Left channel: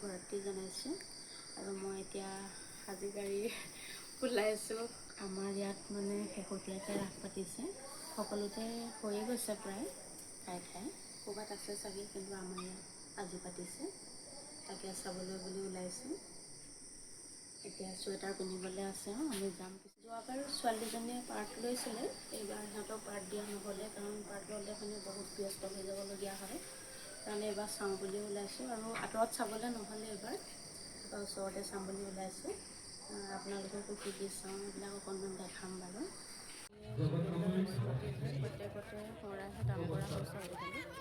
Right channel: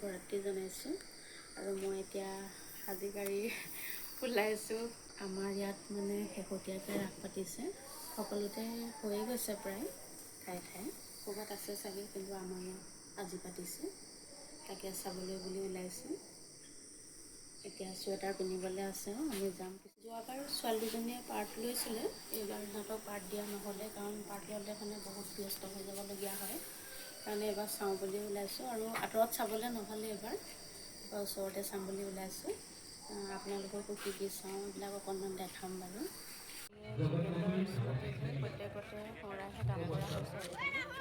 শুভৰাত্ৰি জনাইছোঁ আৰু মই এতিয়া সাজি গাড়ী ওলাইছোঁ। আমাৰ ইয়াত মানে শেহতীয়াকৈ ৰাস পাতিছে, সকলোতে হৈয়ে গৈছে প্ৰায় ঠায়ে ঠায়ে, ক'ৰবাত আছে চাগে, কিন্তু আমাৰ ইয়াত আজি পাতিছে, তাকে চাবলৈ বুলি ওলাইছোঁ। এতিয়া চুৱেটাৰ পিন্ধিবলৈ আছে, আমি যাম। যোৱাবাৰ ছোৱালীজনীয়ে পাৰ্ট লৈছিলে, এইবাৰ সিহঁতক পাৰ্ট দিয়া নহ'লে, কাৰণ পাৰ্ট ল'লে মানে বহুত ব্যস্ত হৈ যাবলগীয়া হয়, কাৰণে এইবাৰ চাওঁ বুলি ওলাইছোঁ। আৰু আঁতৰত চাবলৈ নহ'লে এইবাৰ ওচৰতে চাম বুলি ওলাইছোঁ। আপোনালোককো কি কি চাওঁ এইবিলাক অকণমান দেখাম বাৰু। প্ৰত্যেকতে শৰাইহে কাম কৰা হৈছে আজিকালি।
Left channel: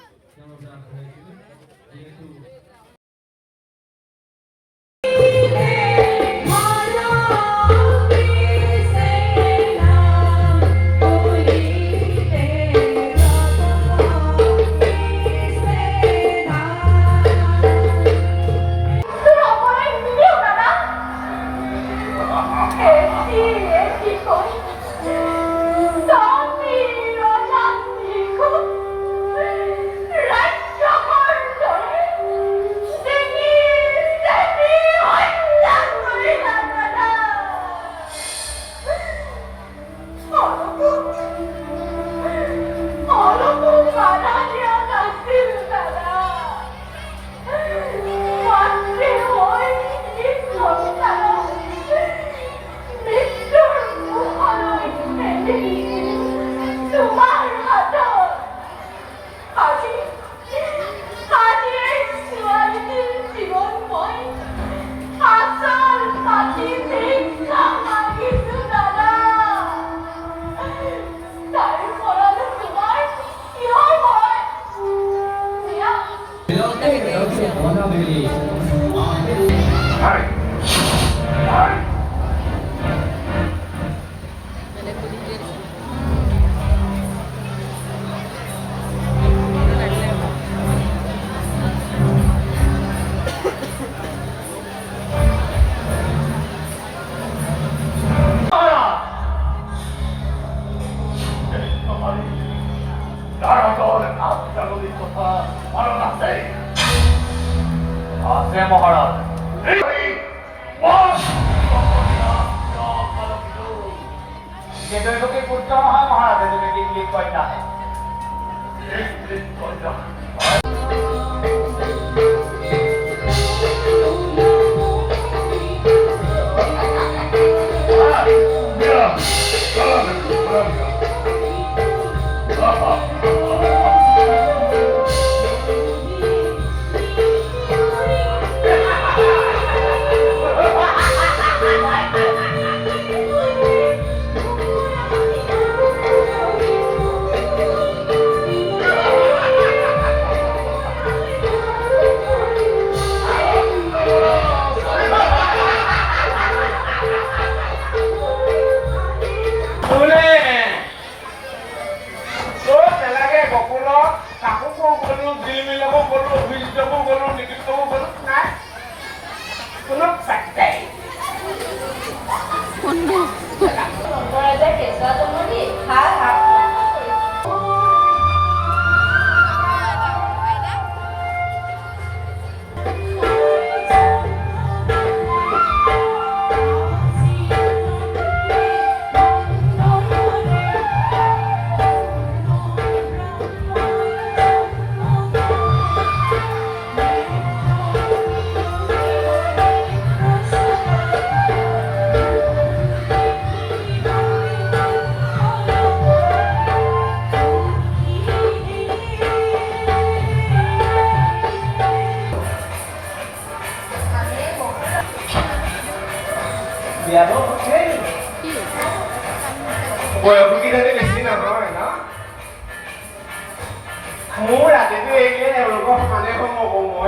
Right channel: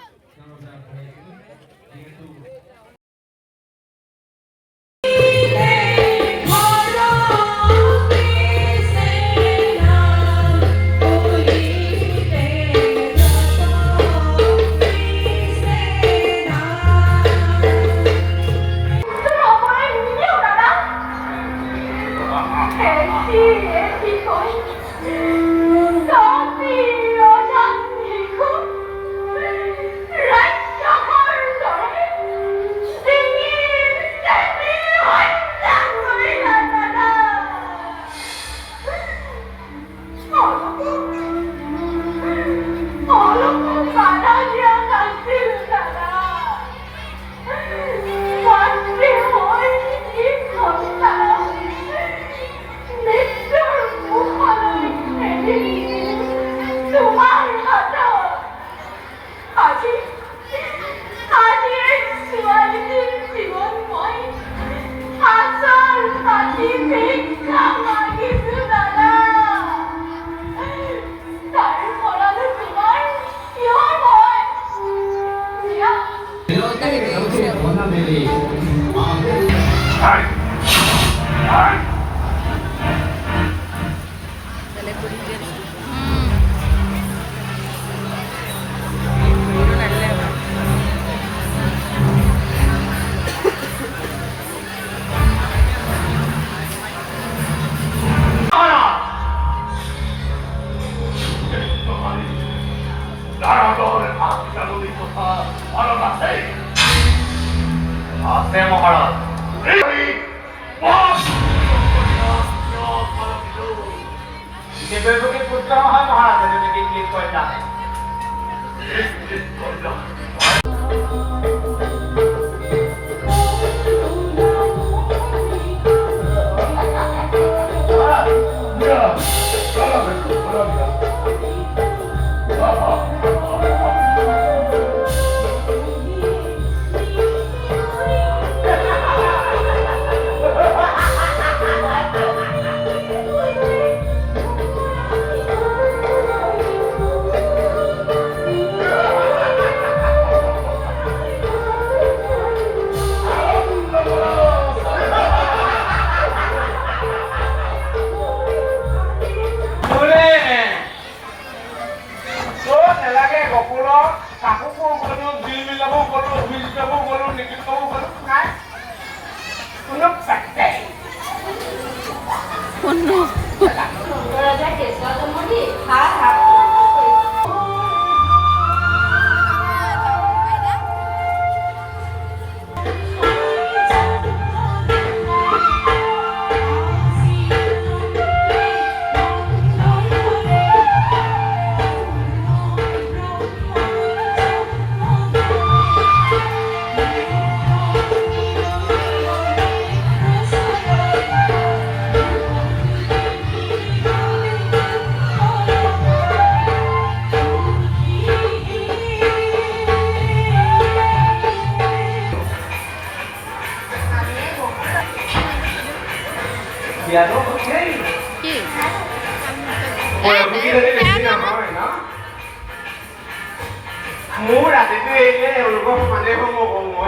Mura, te estoy diciendo, loco, manejo como